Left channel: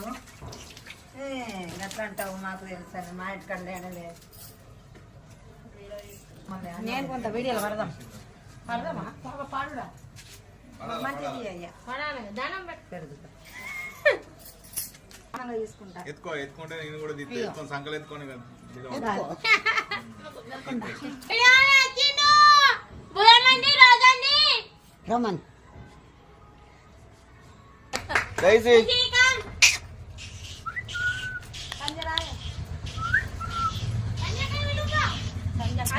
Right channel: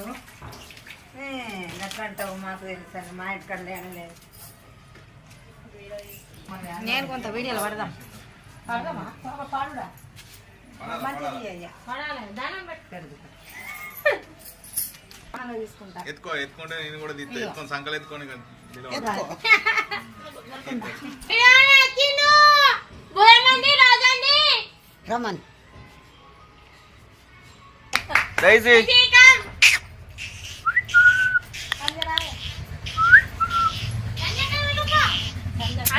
ఏ, గట్ల అంటావు మాకు తెలుసు మా ఇంటికాడ లేనలేదు నేను కొంత వీడియోలో పడదాం. పడదామా? పాడుడా? మంచిది అయ్యా. ఆనందంగా తీసుకుంటా. ఎత్తుకో ఎత్తుకుంటే నేను కూడా ఎత్తుకొని సంకలు ఎత్తుకొని. రమన్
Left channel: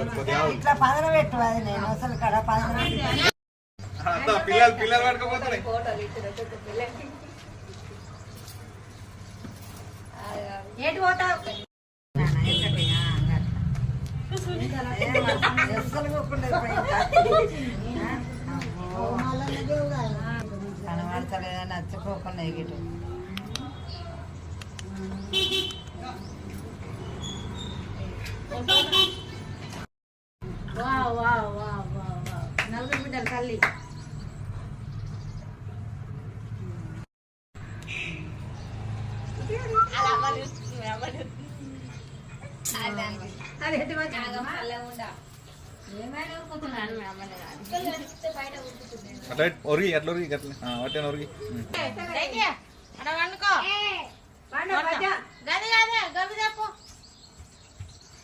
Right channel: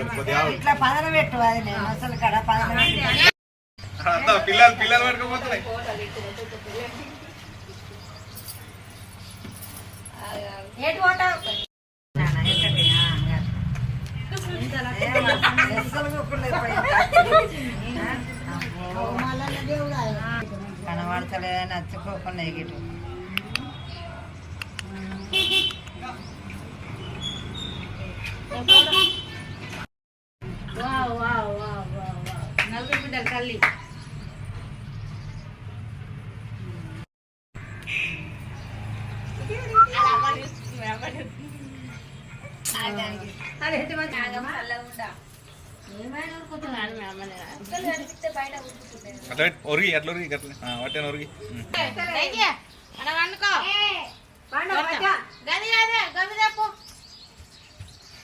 ఇట్లా పదన పెట్టు అది నేను అసలు కడ పదన పిల్లలు పిల్లలు పట్టుకోపోతున్నాయి కనబడతలేదని నచ్చుకోకుండా ఎగిటి తల్లి అట్లా ఒరిగి అట్లా ఒరిగి అట్లా. ఆ, వట్టాను ఒరిగి. ఉం. కూర్చో,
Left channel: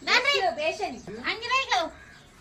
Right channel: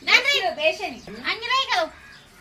లాతనే కూర్చో. ఏం కాదు, ఏం కాదు.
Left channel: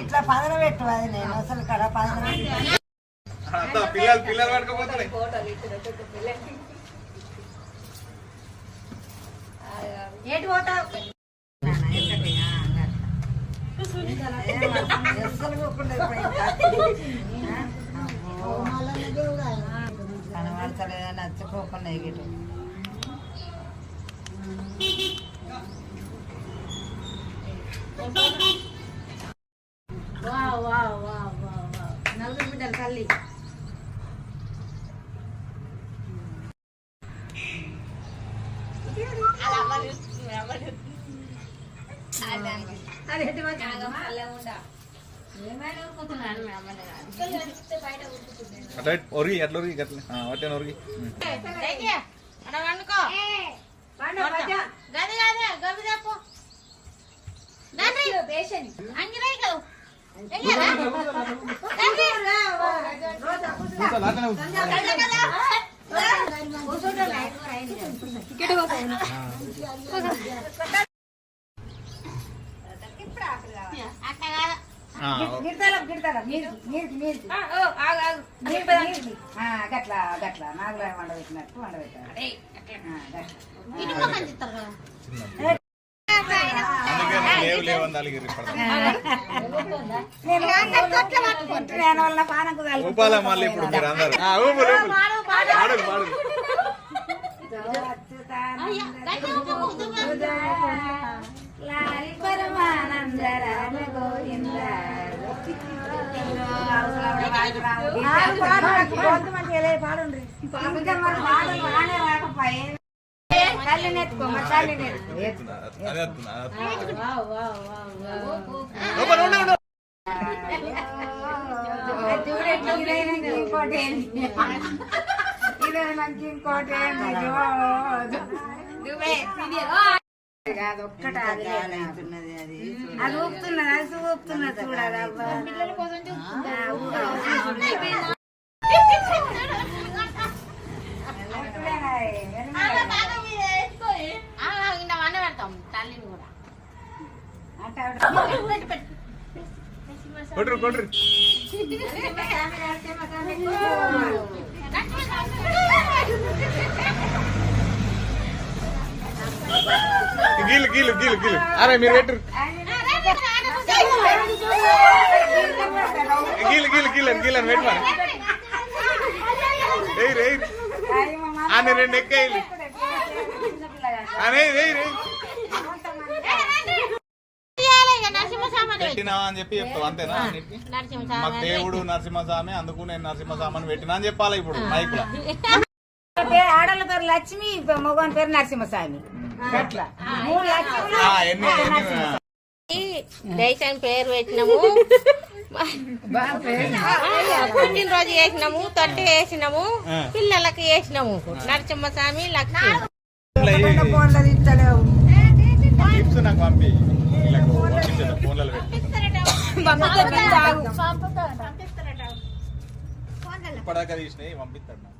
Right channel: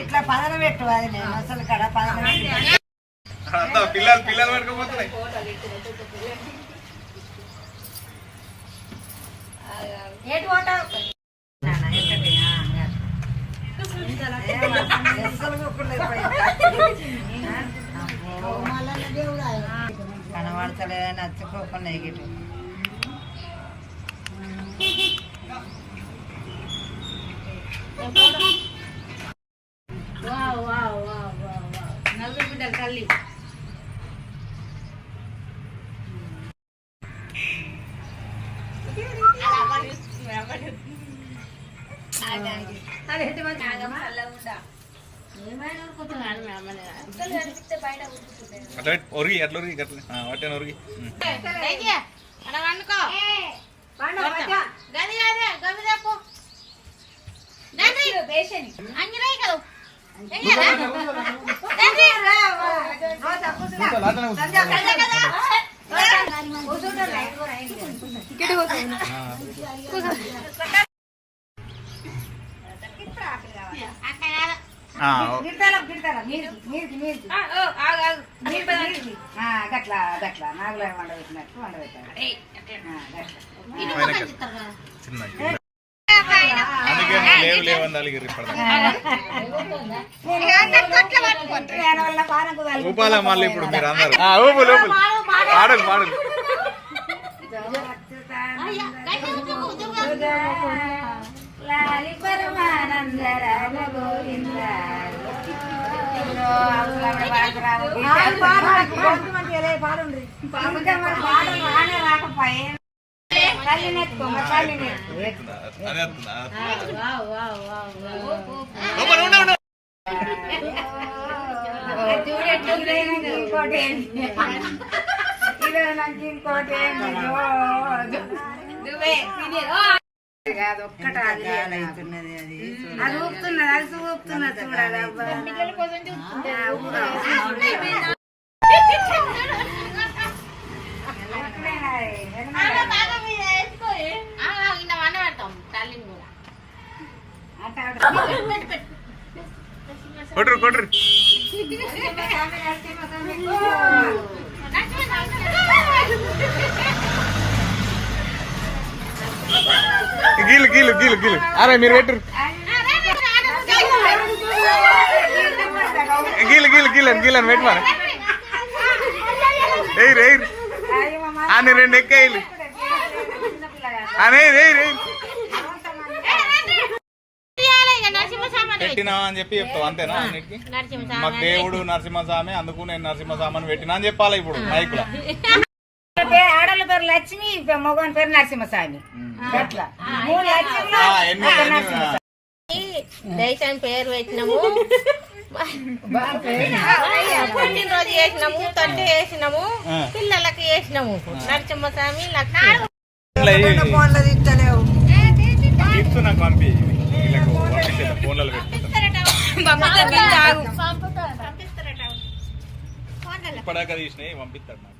ఇట్లా పదన పెట్టు అది నేను అసలు కడ పదన పిల్లలు పిల్లలు పట్టుకోపోతున్నాయి నచ్చుకోకుండా ఎగిటి నలుగురు బిడ్డలు తల్లి అది ఎట్టి మాత్రం అట్లా ఒరిగి అట్లా ఒరిగి అట్లా ఆ, వట్టాను ఒరిగి. అక్కడ వండుకో గది కాదే గది తప్పు అంజలి కవు కూర్చో, లాతనే గట్ల గట్ల. నాగులో వండబెట్టినట్టు వండబెట్టారు. గట్ల. ఊపాలా మళ్ళీ ఇప్పుడు మీరు అందరు ఆ, ఊపు ఊపు. పాడలు పాడలు లాలి పరమానంద రామ గోవింద ఇంకోటి ఇంకోటి ఏంటి కాదు ఒక్కట అది అవుతున్నది అది అది ఊపుతున్నది అది ఊపుతున్నది చూడాలి అబ్బా. ఆ, ఊపు. వెనకలేనా, గీలు గీలు గీలు గీలు. అరే మీరు పెట్టురు. గీలు గీలు గీలని గీలని పెట్టమని రేయ్ రేయ్ అని రెండు ఎక్కేయాలి అనే రేయ్ రేయ్ నరసింహస్వామి పెట్టినావా అని చెప్పి చెప్తావు అంతేనా నీకు? మాకు నరసింహస్వామి దేవుడు నరసింహస్వామి అందుకు నేను నరసింహస్వామిని పెట్టినా అని చెప్పాలి ఇప్పుడు మైకులో పేరు లక్ష్మి మగవాని పేరు నరసింహస్వామి. అట్లా. మూడు నరసింహస్వామి. పేరు పెట్టినాము. పుట్టినరోజు చేసినాము తొట్టి వేసినాము. పిల్లలకి వేసినాము. నరసింహస్వామి లక్ష్మి. ఇట్లా ఈ- గిఫ్ట్స్ నాకు పంపి వీళ్ళకు పంపించేద్దాం ఫోన్లలో పెట్టి ఇప్పటిదాకా తీసినాయి పంపిస్తాడు నాకు